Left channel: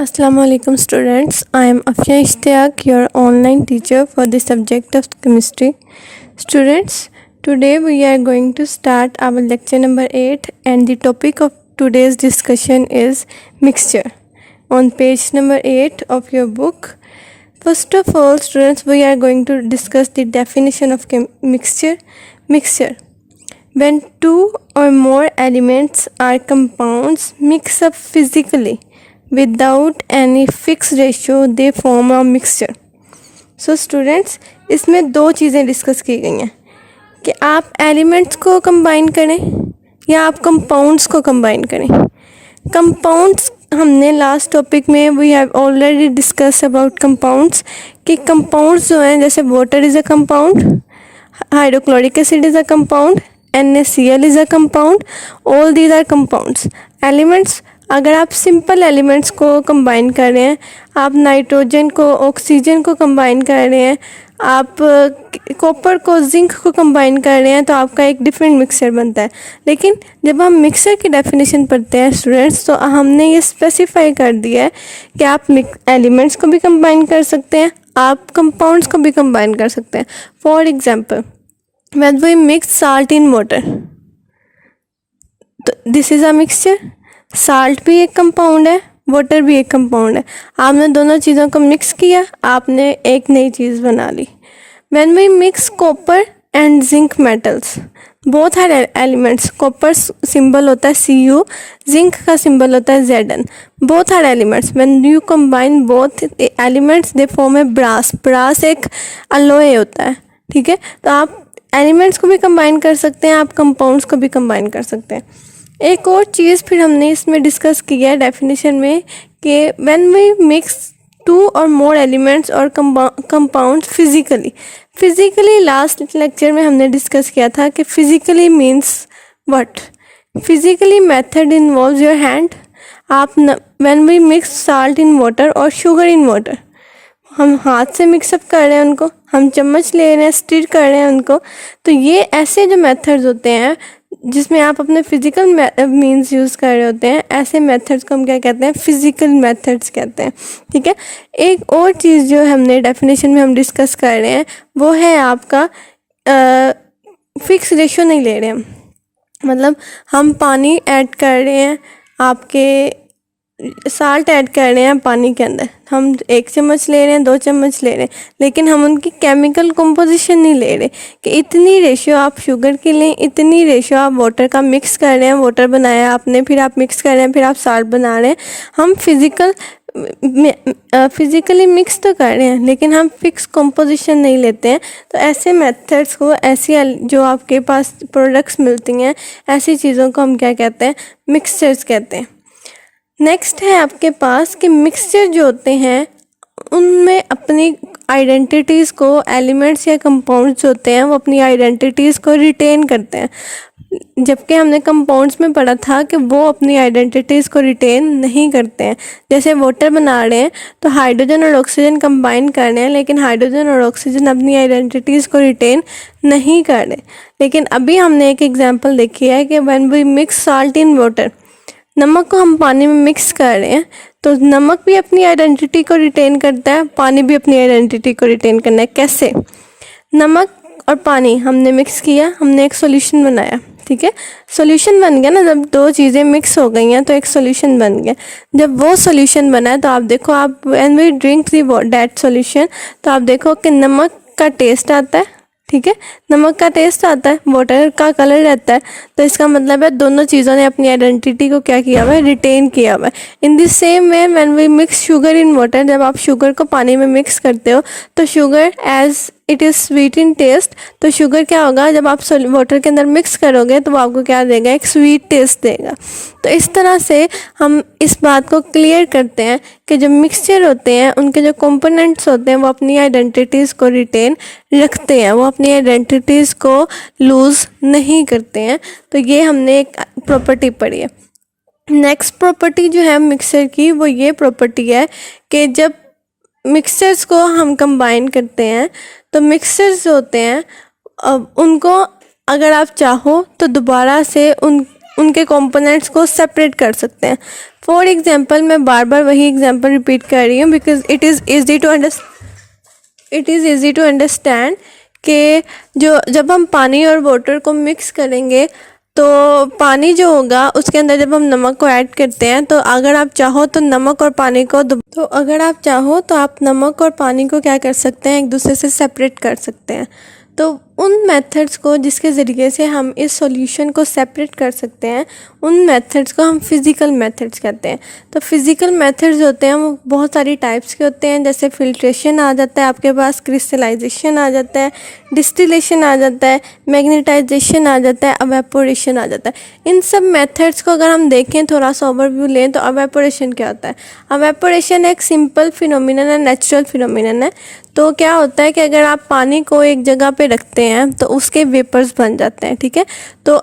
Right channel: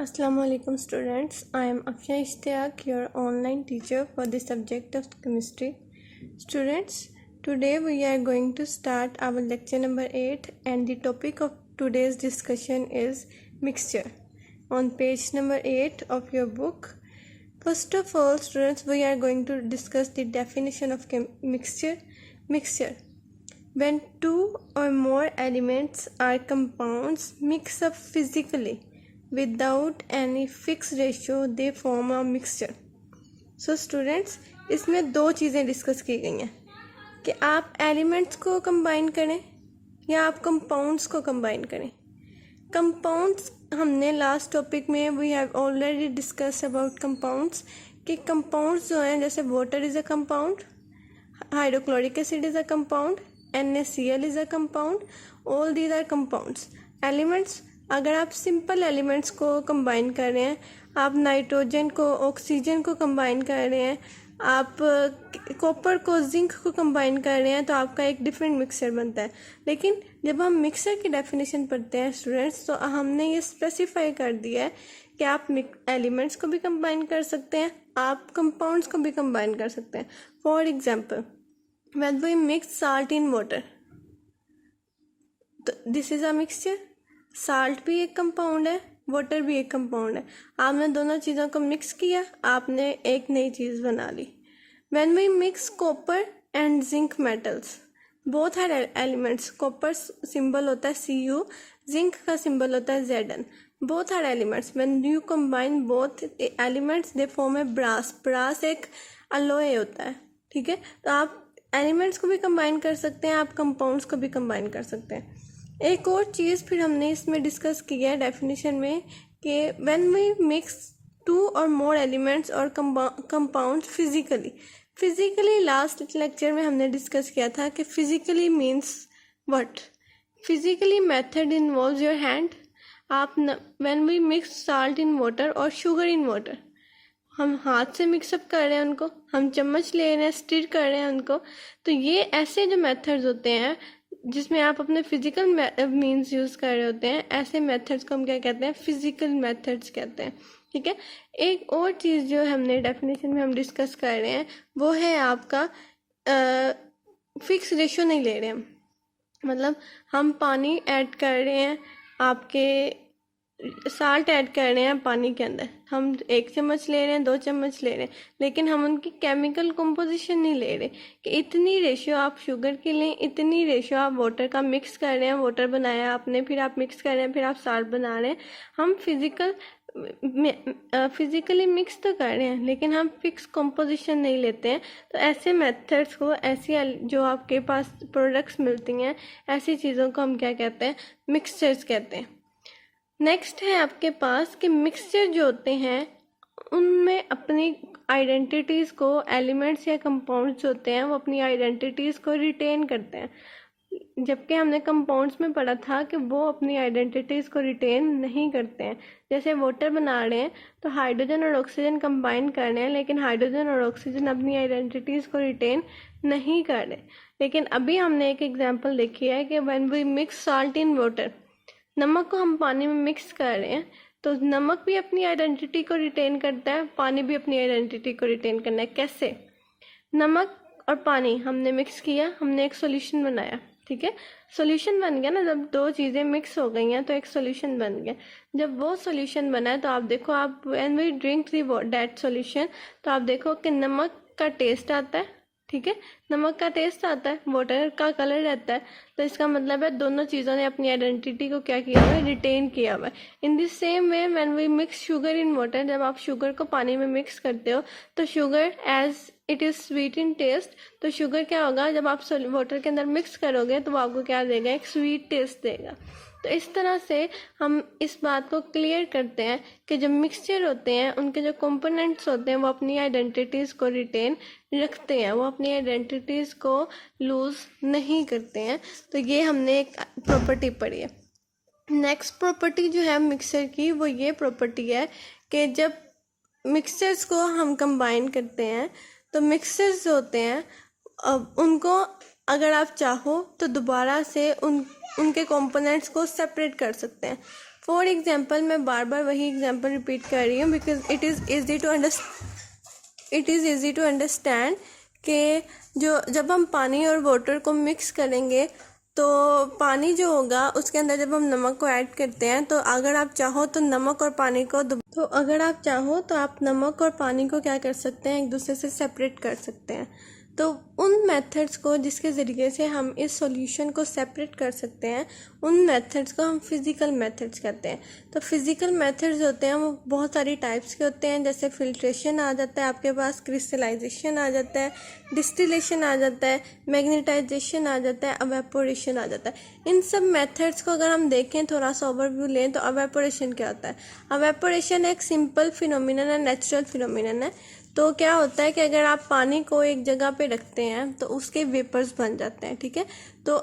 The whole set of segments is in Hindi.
Assalamu alaikum students. I am Afia Ishtiaq, your online teacher for the subject of chemistry. Students, today we are going to start our lecture number 8 and the topic of today's discussion is mixture. On page number 8 of your book, first of all students, we are going to discuss the definition of mixture. Mixture. When two or more elements or compounds mix up physically without any fixed ratio they form a mixture. So students, इसमें दो चीज़ें डिस्कस की गई हैं कि आप एलिमेंट्स को कंबाइन करें या आप कंपाउंड्स को कंबाइन करें. कंपाउंड्स हमने लास्ट टॉपिक में we have already discuss about compounds कि कंपाउंड्स जो हैं जैसे water is a compound, hydrochloric acid is a compound, NaCl is a compound, all these are compounds. Elements, अगर आप सिंपल एलिमेंट्स को कंबाइन कर रहे हैं, आप नाइट्रोजन को ऑक्सीजन को कंबाइन कर रहे हैं, आप कॉपर को जिंक को कंबाइन कर रहे हैं, तो आपका एक डिफरेंट मिक्सचर बनता है. लेकिन जब हम मिक्सचर की डेफिनेशन पढ़ते हैं स्टूडेंट्स, तो हमने ये स्पेसिफाई कर दिया है कि आप एलिमेंट्स को भी कंबाइन कर सकते हैं, आप कंपाउंड्स को भी कंबाइन कर सकते हैं. For example, when we mix salt in water, तो this is a mixture. Salt भी एक कंपाउंड है, वाटर भी एक कंपाउंड है. आपने दोनों चीज़ों को मिक्स किया, आपने एक नई चीज़ बना ली. When we mix copper and zinc metals, both are elements. Copper symbol होता है Cu, जिंक का सिंबल होता है Zn. Both are elements. When you combine both elements they form a brass. Brass एक अलॉय होता है, ठीक है. तो आप एलिमेंट्स को भी कंबाइन कर सकते हैं, आप कंपाउंड्स को भी कंबाइन कर सकते हैं. एक और चीज़ फिर हमने इसमें डिस्कस किया है डेफिनेशन में कि व्हेन वी मिक्स टू और मोर एलिमेंट्स और कंपाउंड्स फिजिकली लास्ट लेक्चर में हमने डिस्कस किया था कि physically means what. Physically method involves your hand. आप when we mix salt in water और शुगर इन वाटर, हम हाथ से मिक्सअप कर रहे हैं उनको, हम चम्मच ले रहे हैं, स्टिर कर रहे हैं उनको. तो ये ऐसे जो मेथड्स होते हैं जिसमें आप अपने फिजिकल मीन्स यूज़ कर रहे होते हैं, ऐसे मेथड्स को हम क्या कहते हैं, फिजिकल मेथड्स कहते हैं, ठीक है. एक और चीज़ जो हमने डेफिनेशन में हम डिस्कस कर रहे हैं वो है आपका फिक्स रेशो नहीं ले रहे हम. मतलब हम पानी ऐड कर रहे हैं, आपके साल्ट ऐड कर रहे हैं पानी के अंदर, हम 1 चम्मच ले रहे हैं, 2 चम्मच ले रहे हैं, लेकिन हम उनकी केमिकल कंपोजिशन नहीं ले रहे कि इतनी रेशियो आप शुगर की लें, इतनी रेशियो आप वाटर का मिक्स कर रहे हैं. वाटर बनाया आपने, फिर आप मिक्स कर रहे हैं, फिर आप साल्ट बना रहे हैं. हम फिज़िकली मिक्स तो कर रहे हैं, लेकिन हम फिक्स कंपोजिशन नहीं लेते हैं. तो ऐसे मेथड्स को, ऐसी जो आपके पास प्रोडक्ट्स मिलती हैं, ऐसी चीज़ों को हम क्या कहते हैं, मिक्सचर्स कहते हैं. नेक्स्ट है आपके पास कि मिक्सचर जो होते हैं उनमें अपनी आइडेंटिटीज़ को, एलिमेंट्स या कंपाउंड्स होते हैं वो अपनी आइडेंटिटीज़ को रिटेन करते हैं, जबकि हमने कंपाउंड्स में पढ़ा था कि वो अपनी आइडेंटिटीज़ को रिटेन नहीं करते हैं. जैसे वाटर बना रहे हैं तो हाइड्रोजन और ऑक्सीजन कंबाइन कर रहे हैं, लेकिन हाइड्रोजन और ऑक्सीजन अपनी आइडेंटिटीज़ को रिटेन नहीं कर रहे. लेकिन अभी हमने एक एग्जांपल देखी है कि when we mix salt in water, नमक को हम पानी में मिक्स कर रहे हैं, तो नमक भी अपनी आइडेंटिटी को रिटेन करता है, पानी भी अपनी आइडेंटिटी को रिटेन करना है. कैसे? नमक और पानी हमने मिक्स किया, हमने एक सॉल्यूशन बनाया, ठीक है. सॉल्यूशन बन गया ना, जब दो चीज़ें मिक्स हो गई हैं तो एक सॉल्यूशन बन गया. जब वो सॉल्यूशन बना है तो आप देखो, आप when we drink that solution, तो आप देखो कि नमक का टेस्ट आता है, ठीक है. नमक का टेस्ट आता है, वाटर का कलर रहता है. तो इसका मतलब है दोनों चीज़ों ने अपनी आइडेंटिटी को क्या किया हुआ है, रिटेन किया हुआ है. In this same way when we mix sugar in water, जब आप शुगर को पानी में मिक्स करते हो तो sugar as it is sweet in taste, तो शुगर क्या होगा, जब आप वाटर के अंदर मिक्स करोगे तो वो आपको क्या देगा, एक स्वीट टेस्ट देगा. तो इस तरह से हम इस बात को क्लियर करते हैं कि जो मिक्सचर होते हैं उनके जो कंपोनेंट्स होते हैं वो अपनी आइडेंटिटीज़ को रिटेन रखते हैं, वो अपनी आइडेंटिटीज़ को लूज़ नहीं करते हैं. तो ये हमने एक प्रॉपर्टी पढ़ी है. नेक्स्ट प्रॉपर्टी जो है मिक्सचर की, वो ये प्रॉपर्टी है कि जब मिक्सचर्स को हम कंबाइन करते हैं तो मिक्सचर्स जो होते हैं उनको अगर आप चाहो तो दोबारा से उनके कंपोनेंट्स को सेपरेट कर सकते हैं। फॉर एग्जांपल, मैं बार बार वही एग्जांपल रिपीट कर रही हूँ because it is easy to understand कि जब हम पानी और वाटर को मिक्स करेंगे तो पानी जो होगा उसके अंदर जब हम नमक को ऐड करते हैं तो अगर आप चाहो तो नमक और पानी को आप नमक और पानी को क्या कर सकते हैं, एक दूसरे से सेपरेट कर सकते हैं। तो उन मेथड्स को जिसके ज़रिए से हम इस सॉल्यूशन को सेपरेट कर सकते हैं, उन मेथड्स को हम फिज़िकल मेथड्स कहते हैं। तो फिज़िकल मेथड्स होते हैं वो बहुत सारी टाइप्स के होते हैं, जैसे फिल्ट्रेशन आ जाता है आपके पास, क्रिस्टलाइजेशन आ जाता है, डिस्टिलेशन आ जाता है, मैग्नेटाइजेशन आ जाता है, एवेपोरेशन आ जाता है। इन सब मेथड्स को अगर हम देखें, थोड़ा सा ओवरव्यू लें तो एवेपोरेशन क्या होता है। एवेपोरेशन एक सिंपल फिनोमिनन है, नेचुरल फिनोमिनन है। तो क्या होता है कि अगर आप पानी को एक जगह पे रखते हैं तो उसके वेपर्स बन जाते हैं, ठीक है। तो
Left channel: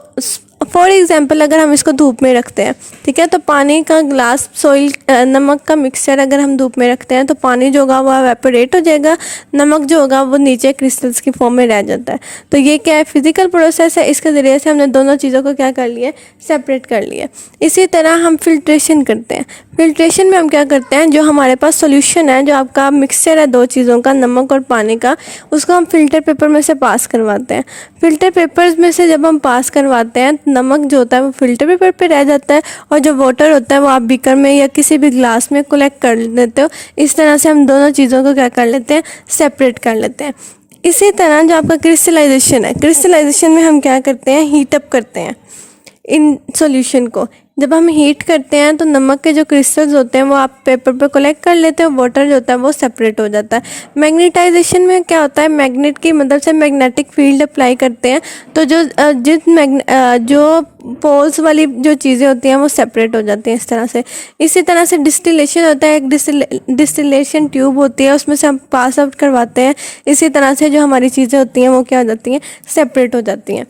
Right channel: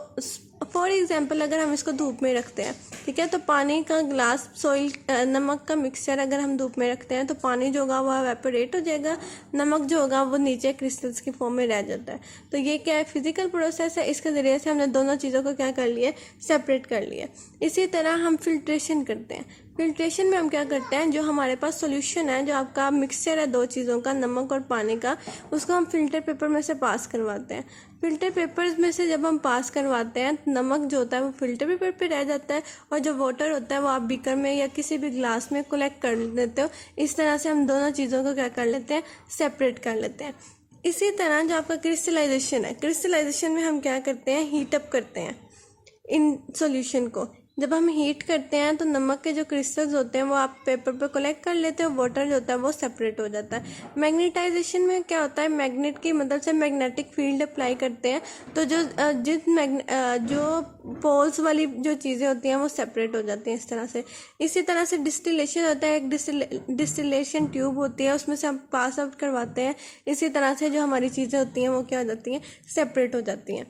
फॉर एग्जांपल अगर हम इसको धूप में रखते हैं, ठीक है, तो पानी का ग्लास सॉइल नमक का मिक्सचर अगर हम धूप में रखते हैं तो पानी जो होगा वो एवेपोरेट हो जाएगा, नमक जो होगा वो नीचे क्रिस्टल्स की फॉर्म में रह जाता है। तो ये क्या है, फिजिकल प्रोसेस है। इसके ज़रिए से हमने दोनों चीज़ों को क्या कर लिया, सेपरेट कर लिया। इसी तरह हम फिल्ट्रेशन करते हैं। फिल्ट्रेशन में हम क्या करते हैं, जो हमारे पास सोल्यूशन है, जो आपका मिक्सचर है दो चीज़ों का, नमक और पानी का, उसको हम फ़िल्टर पेपर में से पास करवाते हैं। फ़िल्टर पेपर्स में से जब हम पास करवाते हैं, नमक जो होता है वो फ़िल्टर पेपर पे रह जाता है और जो वाटर होता है वो आप बीकर में या किसी भी ग्लास में कलेक्ट कर लेते हो। इस तरह से हम दोनों चीज़ों को क्या कर लेते हैं, सेपरेट कर लेते हैं। इसी तरह जो आपका क्रिस्टलाइजेशन है, क्रिस्टलाइजेशन में हम क्या करते हैं, हीट अप करते हैं इन सॉल्यूशन को। जब हम हीट करते हैं तो नमक के जो क्रिस्टल्स होते हैं वो आप पेपर पे कलेक्ट कर लेते हैं, वाटर जो होता है वो सेपरेट हो जाता है। मैग्नेटाइजेशन में क्या होता है, मैग्नेट की मदद से मैग्नेटिक फील्ड अप्लाई करते हैं तो जो पोल्स वाली जो चीज़ें होती हैं वो सेपरेट हो जाती हैं इस तरह से। इसी तरह से डिस्टिलेशन होता है, एक डिस्टिलेशन ट्यूब होती है, उसमें से हम पास आउट करवाते हैं। इसी तरह से जो हमारी चीज़ें होती हैं वो क्या हो जाती हैं, सेपरेट हो जाती हैं।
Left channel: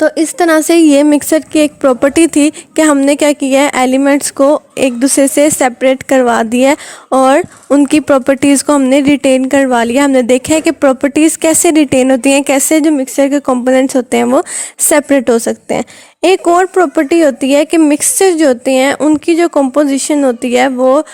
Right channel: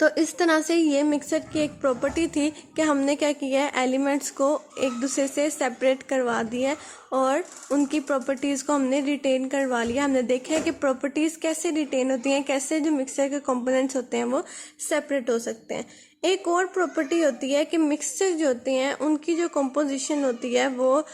तो इस तरह से ये मिक्सर की एक प्रॉपर्टी थी कि हमने क्या किया है, एलिमेंट्स को एक दूसरे से सेपरेट करवा दिया और उनकी प्रॉपर्टीज़ को हमने रिटेन करवा लिया। हमने देखा है कि प्रॉपर्टीज़ कैसे रिटेन होती हैं, कैसे जो मिक्सर के कंपोनेंट्स होते हैं वो सेपरेट हो सकते हैं। एक और प्रॉपर्टी होती है कि मिक्सचर जो होते हैं उनकी जो कंपोजिशन होती है वो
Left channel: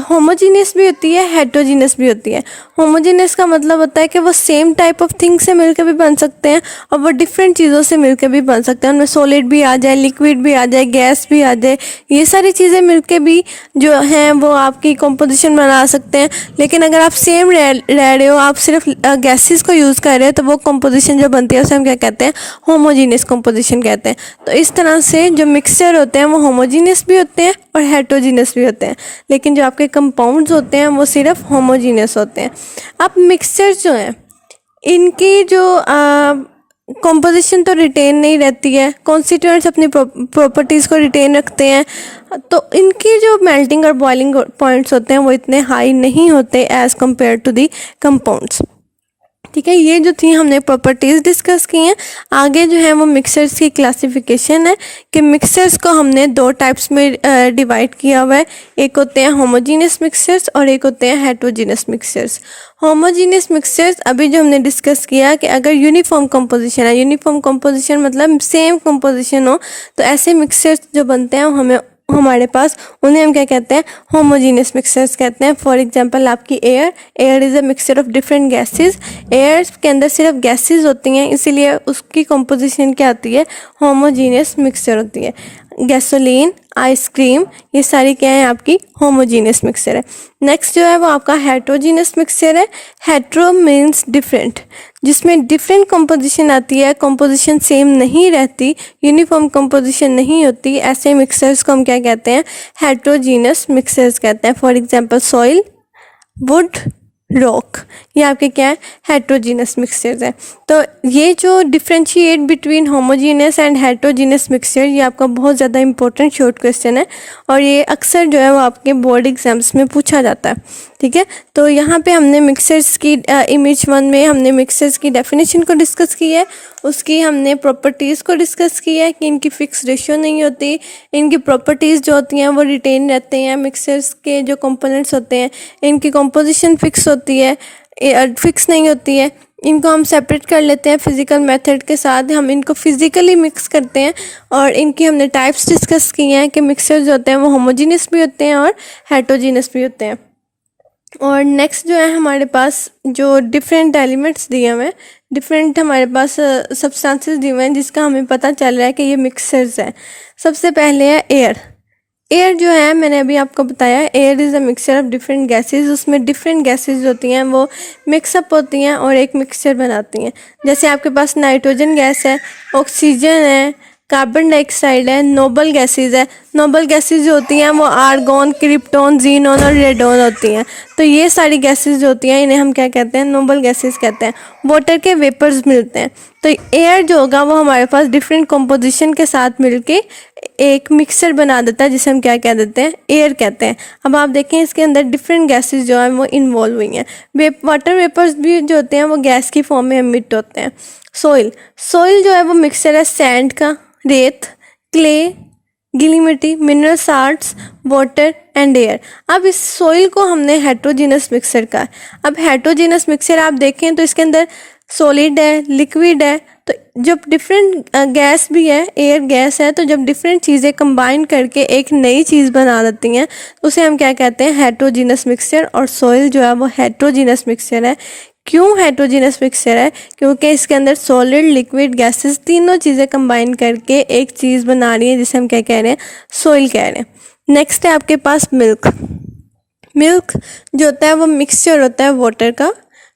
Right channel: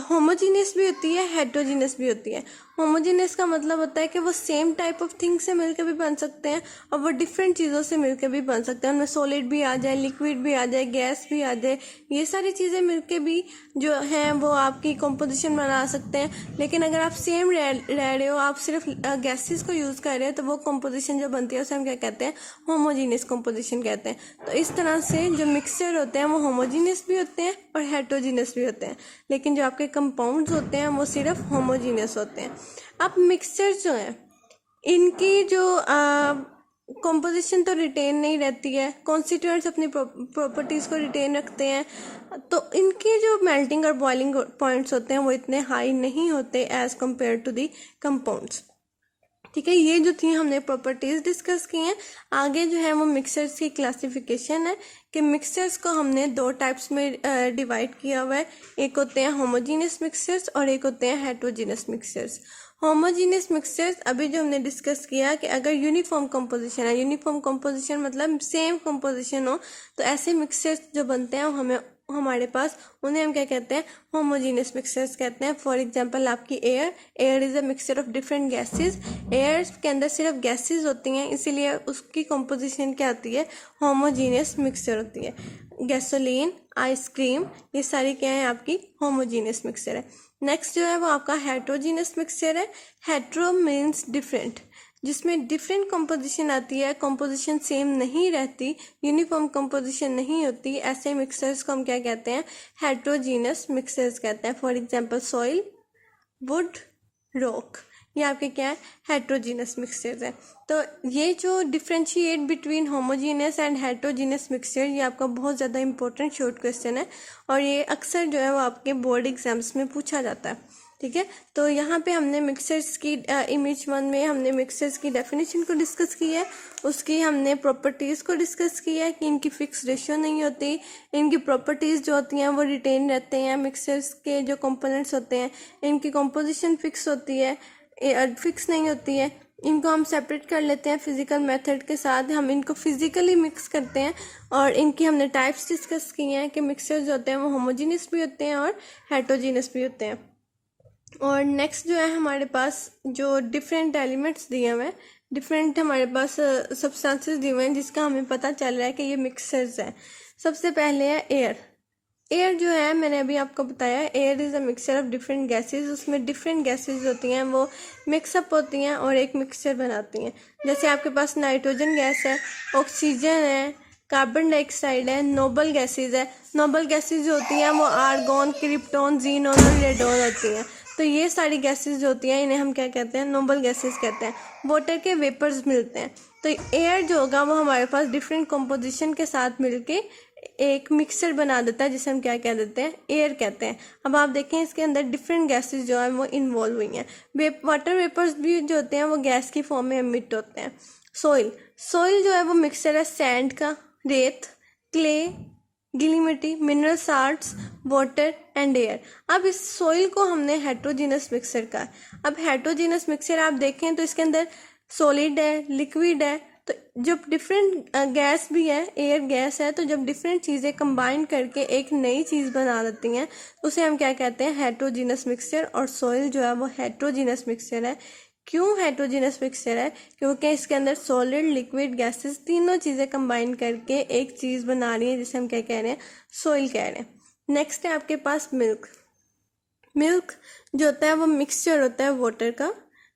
होमोजीनियस भी होती है, हेट्रोजीनियस भी होती है। होमोजीनियस का मतलब होता है कि वो सेम टाइप ऑफ थिंग से मिलकर भी बन सकते हैं और वो डिफरेंट चीज़ों से मिलकर भी बन सकते हैं। उनमें सॉलिड भी आ जाए, लिक्विड भी आ जाए, गैस भी आ जाए, ये सारी चीज़ें मिलकर भी जो हैं वो आपकी कंपोजिशन बना सकते हैं। लेकिन अगर आप सेम रह रहे हो, आप सिर्फ गैसेस को यूज़ कर रहे हो, तो वो कंपोजिशन जो बनती है उसे हम क्या कहते हैं, होमोजीनियस कंपोजिशन कहते हैं। तो इस तरह से जो मिक्सचर होते हैं वो होमोजीनियस भी होते हैं और हेट्रोजीनियस भी होते हैं, लेकिन जो आपके कंपाउंड्स होते हैं वो सिर्फ होमोजीनियस होते हैं। अब मिक्सचर जो हैं इनकी जो कंपोजिशन तो रिटेन नहीं रहती है, कॉन्स्टिट्यूएंट्स अपनी प्रॉपर्टीज़ को रिटेन रखते हैं, तो इनकी जो मेल्टिंग और बॉइलिंग पॉइंट्स होते हैं वो इतने हाई नहीं होते as compare to the compounds. ठीक है, ये जो थी हमने प्रॉपर्टीज़ डिस्कस की हैं। आगे जो है वो मिक्सर्स की क्लासिफिकेशन है कि मिक्सर्स को हमने दो टाइप्स में डिवाइड किया हुआ है। एक होते हैं होमोजीनियस मिक्सचर्स और एक होते हैं हेट्रोजीनियस मिक्सचर्स। होमोजीनियस मिक्सचर्स अभी जो हमने डिस्कस किया कि अगर यूनिफॉर्म कंपोजिशन है, यूनिफॉर्म कंपोजिशन मतलब सेम कंपोजिशन हो, तो ऐसे मिक्सचर्स जो बनते हैं हमारे पास उन्हें हम क्या कहते हैं, होमोजीनियस मिक्सचर्स कहते हैं। फॉर एग्जांपल आपकी air is a mixture of different gases. Air के अंदर सिर्फ गैसेस होती हैं, इसीलिए उसकी कंपोजिशन क्या आती है, होमोजीनियस मिक्सचर होती है। गैसोलीन, आइसक्रीम, ये सारी क्या है, आपकी होमोजीनियस मिक्सचर है। नेक्स्ट जो है वो आपका हेट्रोजीनियस मिक्सचर है। हेट्रो मीन्स डिफरेंट, जिसमें डिफरेंट कंपोजिशन आती है, कंपोजिशन सेम नहीं रहती, यूनिफॉर्म कंपोजिशन नहीं होती, ऐसे मिक्सचर्स को हम क्या कहते हैं, हेट्रोजीनियस मिक्सचर्स कहते हैं। For example soil, would, rock, ये आपके क्या है, हेट्रोजीनियस मिक्सचर्स हैं। तो ये जो differentiate between homogeneous and heterogeneous mixture, ये आपका बहुत ज़्यादा इंपॉर्टेंट शॉर्ट क्वेश्चन है और ये अक्सर जो है वो आपके बोर्ड एग्जाम्स में पूछा जाता है। ठीक है, तो यहाँ पे हमने मिक्सचर्स की इमेज 1 में हमने मिक्सचर्स की डेफिनेशन को डिस्कस की है, उसकी हमने प्रॉपर्टीज़ को डिस्कस किया है कि इनकी फ़िक्स रेशियो नहीं होती, इनकी प्रॉपर्टीज़ जो होती हैं वो रिटेन रहते हैं। मिक्सचर्स के जो कंपोनेंट्स होते हैं इनकी कंपोजिशन फ़िक्स होती है, फिक्स नहीं होती है। इनको हम सेपरेट कर लेते हैं फिज़िकल मेथड के साथ, हम इनको फिज़िकली मिक्स करते हैं और इनकी हमने टाइप्स डिस्कस किए हैं कि मिक्सचर जो होते हैं वो होमोजीनियस भी होते हैं और हेटरोजीनियस भी होते हैं। और नेक्स्ट जो है हमारे पास जो डिफरेंट एलिमेंट्स दिए हुए हैं, डिफरेंट हमारे पास सब्सटेंसेस दिए हुए हैं जिसका हमें पता चल रहा है कि ये मिक्सचर्स हैं। सबसे पहले है एयर। एयर जो है मैंने अभी आपको बताया, air is a mixture of different gases. उसमें डिफरेंट गैसेस होती हैं वो मिक्सअप होती हैं और एक मिक्सचर बनाती हैं। जैसे आपके पास नाइट्रोजन गैस है, ऑक्सीजन है, कार्बन डाइऑक्साइड है, नोबल गैसेज है। नोबल गैसेज जो होती हैं वो आर्गोन, क्रिप्टॉन, जीनोन और रेडोन होती हैं। तो ये सारी गैसेज जो होती हैं इन्हें हम क्या कहते हैं, नोबल गैसेज कहते हैं। वाटर के वेपर्स मिलते हैं। तो एयर जो होगा वो हमारे पास डिफरेंट कंपोजिशन के साथ मिलके एक मिक्सचर बना देता है जिसे हम क्या कह देते हैं, एयर कहते हैं। अब आप देखें इसके अंदर डिफरेंट गैसेज जो हैं वो इन्वॉल्व हुई हैं। वाटर वेपर्स भी जो होते हैं वो गैस की फॉर्म में एमिट होते हैं। सोइल, सोइल जो है वो मिक्सचर है सैंड का, रेत, क्ले, गीली मिट्टी, mineral salts, water and air. अब इस सोइल को हमने हेट्रोजीनस मिक्सचर का। अब हेट्रोजीनस मिक्सचर आप देखें तो इसके अंदर सॉलिड है, लिक्विड है। तो जब डिफरेंट गैस भी है, एयर गैस है, तो जब डिफरेंट चीज़ें कंबाइन करके एक नई चीज़ बना देती हैं उसे हम क्या कहते हैं, हेट्रोजीनस मिक्सचर। और सोइल जो है वो हेट्रोजीनस मिक्सचर है। क्यों हेट्रोजीनस मिक्सचर है? क्योंकि इसके अंदर सॉलिड, लिक्विड, गैसेस तीनों चीज़ें कंबाइन करके एक चीज़ बना रही है जिसे हम क्या कह रहे हैं, सोइल कह रहे हैं। नेक्स्ट है आपके पास मिल्क। मिल्क जो होता है वो मिक्सचर होता है वाटर का,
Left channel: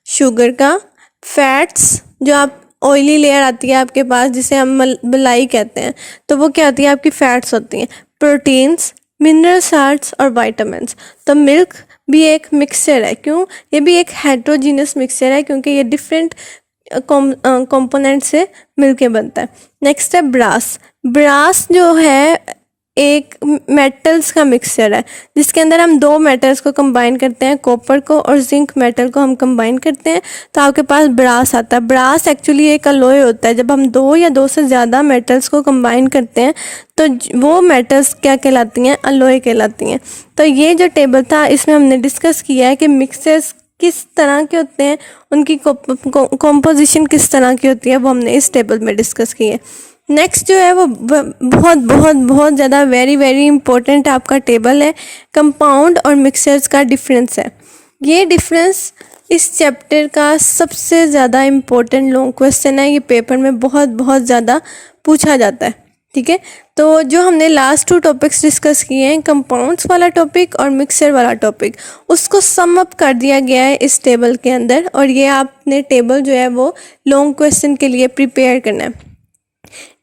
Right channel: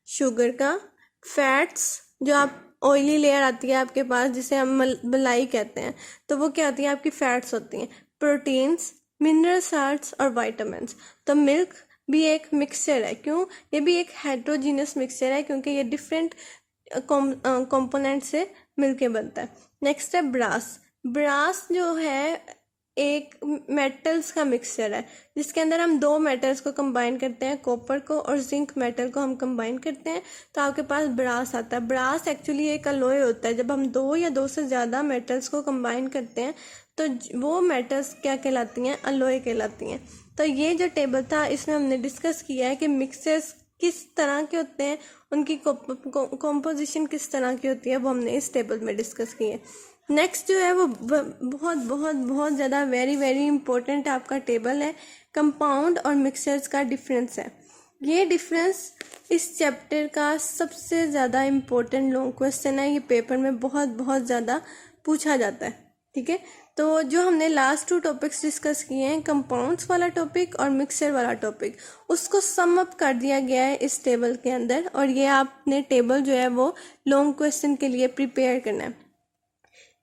शुगर का, फैट्स, जो आप ऑयली लेयर आती है आपके पास जिसे हम मलाई कहते हैं, तो वो क्या होती है, आपकी फैट्स होती हैं, प्रोटीन्स, मिनरल साल्ट्स और वाइटामिन्स। तो मिल्क भी एक मिक्सचर है। क्यों? ये भी एक हेट्रोजीनियस मिक्सचर है क्योंकि ये डिफरेंट कंपोनेंट से मिलके बनता है। नेक्स्ट है ब्रास। ब्रास जो है एक मेटल्स का मिक्सचर है जिसके अंदर हम दो मेटल्स को कंबाइन करते हैं, कॉपर को और जिंक मेटल को हम कंबाइन करते हैं तो आपके पास ब्रास आता है। ब्रास एक्चुअली एक अलॉय होता है। जब हम दो या दो से ज़्यादा मेटल्स को कंबाइन करते हैं तो वो मेटल्स क्या कहलाती हैं, अलॉय कहलाती हैं। तो ये जो टेबल था इसमें हमने डिस्कस किया है कि मिक्सचर्स किस तरह के होते हैं, उनकी कॉम्पोजिशन किस तरह की होती है, वो हमने इस टेबल में डिस्कस की है। नेक्स्ट जो है वो बहुत बहुत बहुत ज़्यादा वेरी इंपॉर्टेंट आपका टेबल है, कंपाउंड और मिक्सचर्स का डिफरेंस है। ये डिफरेंस इस चैप्टर का सबसे ज़्यादा इम्पोर्टेंट लॉन्ग क्वेश्चन है। ये पेपर में बहुत ज़्यादा पूछा जाता है। ठीक है, तो जो हमने लास्ट 2 टॉपिक्स डिस्कस किए हैं, कंपाउंड्स वाला टॉपिक और मिक्सचर वाला टॉपिक, उसको सम अप कर दिया गया है इस टेबल के अंदर। और ये आपने टेबल जो है वो लॉन्ग क्वेश्चन के लिए प्रिपेयर करना है।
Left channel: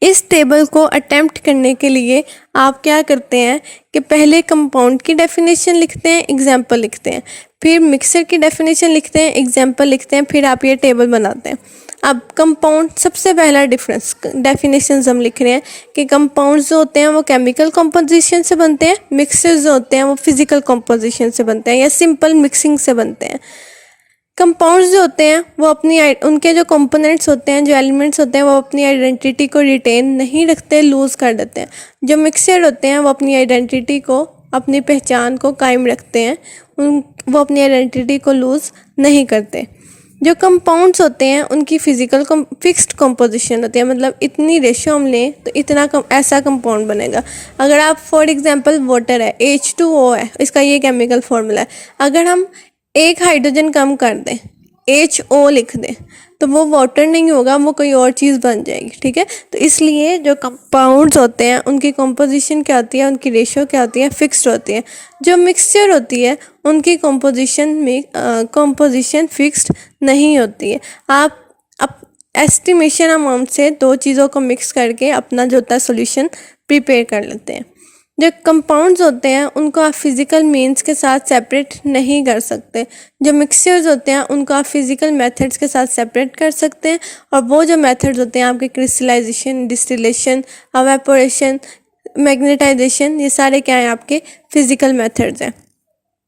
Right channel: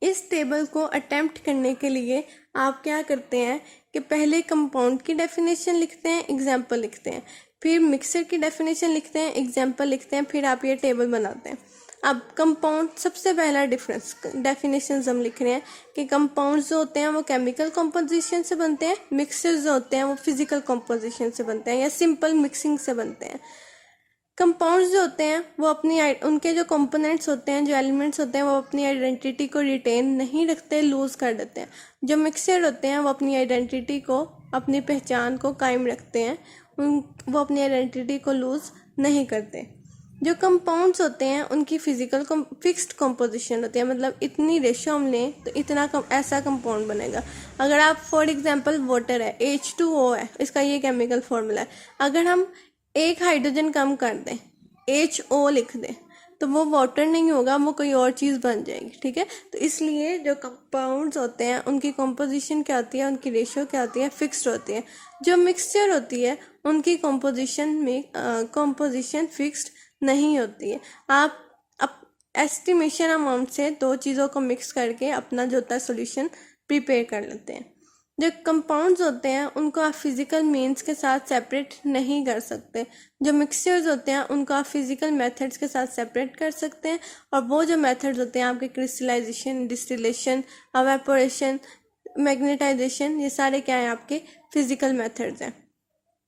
इस टेबल को अटेम्प्ट करने के लिए आप क्या करते हैं कि पहले कंपाउंड की डेफिनेशन लिखते हैं, एग्जाम्पल लिखते हैं, फिर मिक्सर की डेफिनेशन लिखते हैं, एग्जाम्पल लिखते हैं, फिर आप ये टेबल बनाते हैं। अब कंपाउंड, सबसे पहला डिफरेंस डेफिनेशन हम लिख रहे हैं कि कंपाउंड्स जो होते हैं वो केमिकल कंपोजिशन से बनते हैं, मिक्सर्स जो होते हैं वो फिजिकल कंपोजिशन से बनते हैं या सिंपल मिक्सिंग से बनते हैं। कंपाउंड्स जो होते हैं वो अपनी उनके जो कंपोनेंट्स होते हैं, जो एलिमेंट्स होते हैं वो अपनी आइडेंटिटी को रिटेन नहीं रखते, लूज़ कर देते हैं। जो मिक्सचर होते हैं वो अपनी आइडेंटिटी को, अपनी पहचान को कायम रखते हैं, वो अपनी आइडेंटिटी को लूज़ नहीं करते। जो कंपाउंड्स होते हैं उनकी फिजिकल फिक्स्ड कंपोजिशन होती है, मतलब इतनी रेशियो हम लें तो इतना ऐसा कंपाउंड बनेगा। अगर आप फॉर एग्जांपल वाटर है, H2O है, इसका ये केमिकल फॉर्मूला है। अगर हम एक हाइड्रोजन कम कर दें, HO लिख दें, तो वो वाटर नहीं होगा, वो कोई और चीज़ बन जाएगी। ठीक है, तो इसलिए जो कंपाउंड्स होते हैं उनकी कंपोजिशन क्या होती है, उनकी रेशियो क्या होती है, फिक्स्ड होती है। जो मिक्सचर होती है उनकी कंपोजिशन फिक्स्ड नहीं होती है। आप एस्टिमेशन अमाउंट से दो चीज़ों को मिक्स करके अपना जो होता है सोल्यूशन प्रिपेयर कर लेते हैं। जो कंपाउंड्स होते हैं उनको आप फिज़िकल मीन्स के साथ सेपरेट नहीं कर सकते। जो मिक्सचर्स होते हैं उनको आप फिज़िकल मेथड्स के साथ सेपरेट कर सकते हैं। और वो जो मेथड्स होते हैं आपके क्रिस्टलाइजेशन, डिस्टिलेशन, एवापोरेशन, मैग्नेटाइजेशन, ये सारे क्या हैं, आपके फिज़िकल मेथड्स हैं।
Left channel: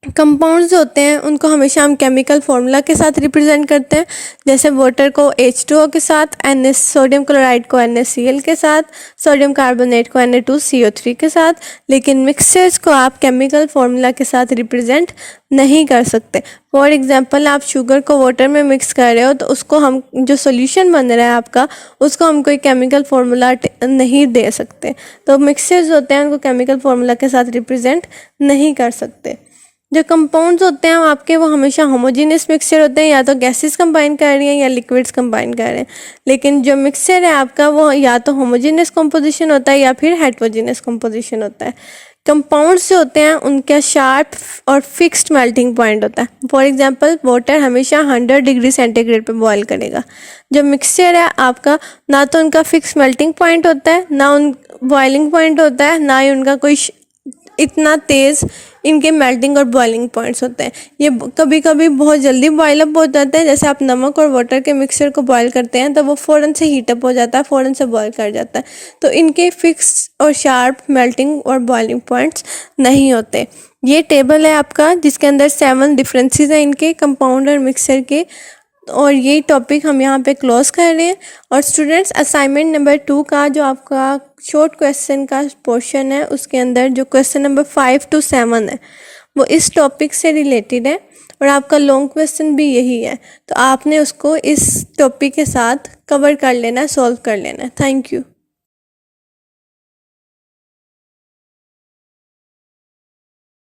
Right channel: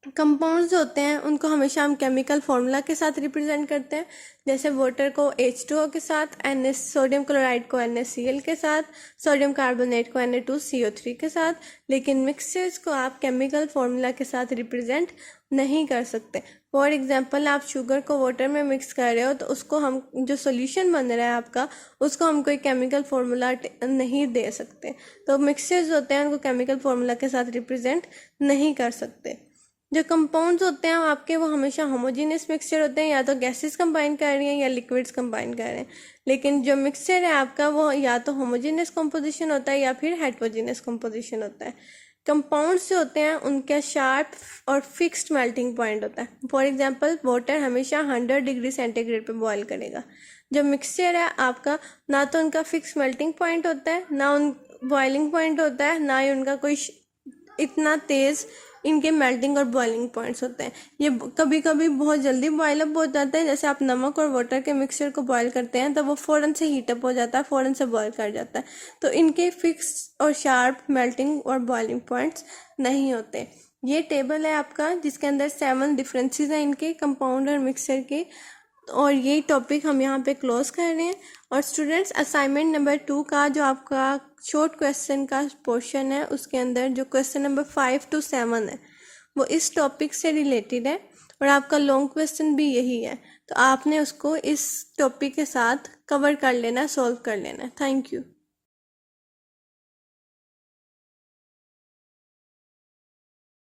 कंपाउंड्स होते हैं उनको हमेशा हम केमिकल फार्मूला के साथ रिप्रेजेंट करते हैं, जैसे वाटर को H2O के साथ, सोडियम क्लोराइड को NaCl के साथ, सोडियम कार्बोनेट को Na2CO3 के साथ। लेकिन मिक्सचर्स को आप केमिकल फार्मूला के साथ रिप्रेजेंट नहीं कर सकते। फॉर एग्जांपल आप शुगर को वाटर में मिक्स कर रहे हो तो उसको हम जो सॉल्यूशन बन रहा है आपका, उसको हम कोई केमिकल फार्मूला नहीं दे सकते। तो मिक्सचर्स होते हैं उनको केमिकल फार्मूला के साथ रिप्रेजेंट नहीं कर सकते। जो कंपाउंड्स होते हैं आपके वो हमेशा होमोजेनियस मिक्सचर होते हैं, या तो गैसेस कंबाइन कर रही हैं या लिक्विड्स कंबाइन कर रहे हैं। लेकिन जो मिक्सचर है आपका वो या तो होमोजेनियस कंपोजिशन होता है या फिर हेट्रोजेनियस कंपोजिशन होता है। कंपाउंड्स जो होते हैं उनका शार्प और फिक्स्ड मेल्टिंग पॉइंट होता है। फॉर एग्जांपल वाटर हमेशा 100 डिग्री सेंटीग्रेड पे बॉयल करेगा। जो मिक्सचर है आपका ना तो उनका फिक्स मेल्टिंग पॉइंट होता है, ना उन बॉइलिंग पॉइंट होता है, ना ही उनका कोई इतना तेज़ इनके मेल्टिंग और बॉइलिंग पॉइंट्स होते हैं। ये कभी कभी बहुत जल्दी बॉयल अप हो जाते हैं, जैसे आप नमक और वाटर के मिक्सचर को बॉयल करते हैं तो वो फ़ौरन से हीट अप हो जाता है, फ़ौरन से बॉयल कर जाता है। तो इनके फिक्स और शार्प मेल्टिंग और बॉइलिंग पॉइंट्स नहीं होते। ये टेबल है आपका जिसके अंदर 7 डिफरेंसेस हैं इनके कंपाउंड और मिक्सचर के, और यही टॉपिक हम यहाँ पे क्लोज कर रहे हैं। और स्टूडेंट्स असाइनमेंट नंबर 2 का जो आपका शॉर्ट क्वेश्चन का पोर्शन है उसके अंदर जो क्वेश्चन नंबर 5 to 7 है वो इस टॉपिक से रिलेटेड है, और आपका लॉन्ग क्वेश्चन भी यही है। तो आपने उसको इस टॉपिक के साथ कवर कर लेना है, सॉल्व कर लेना है। Thank you.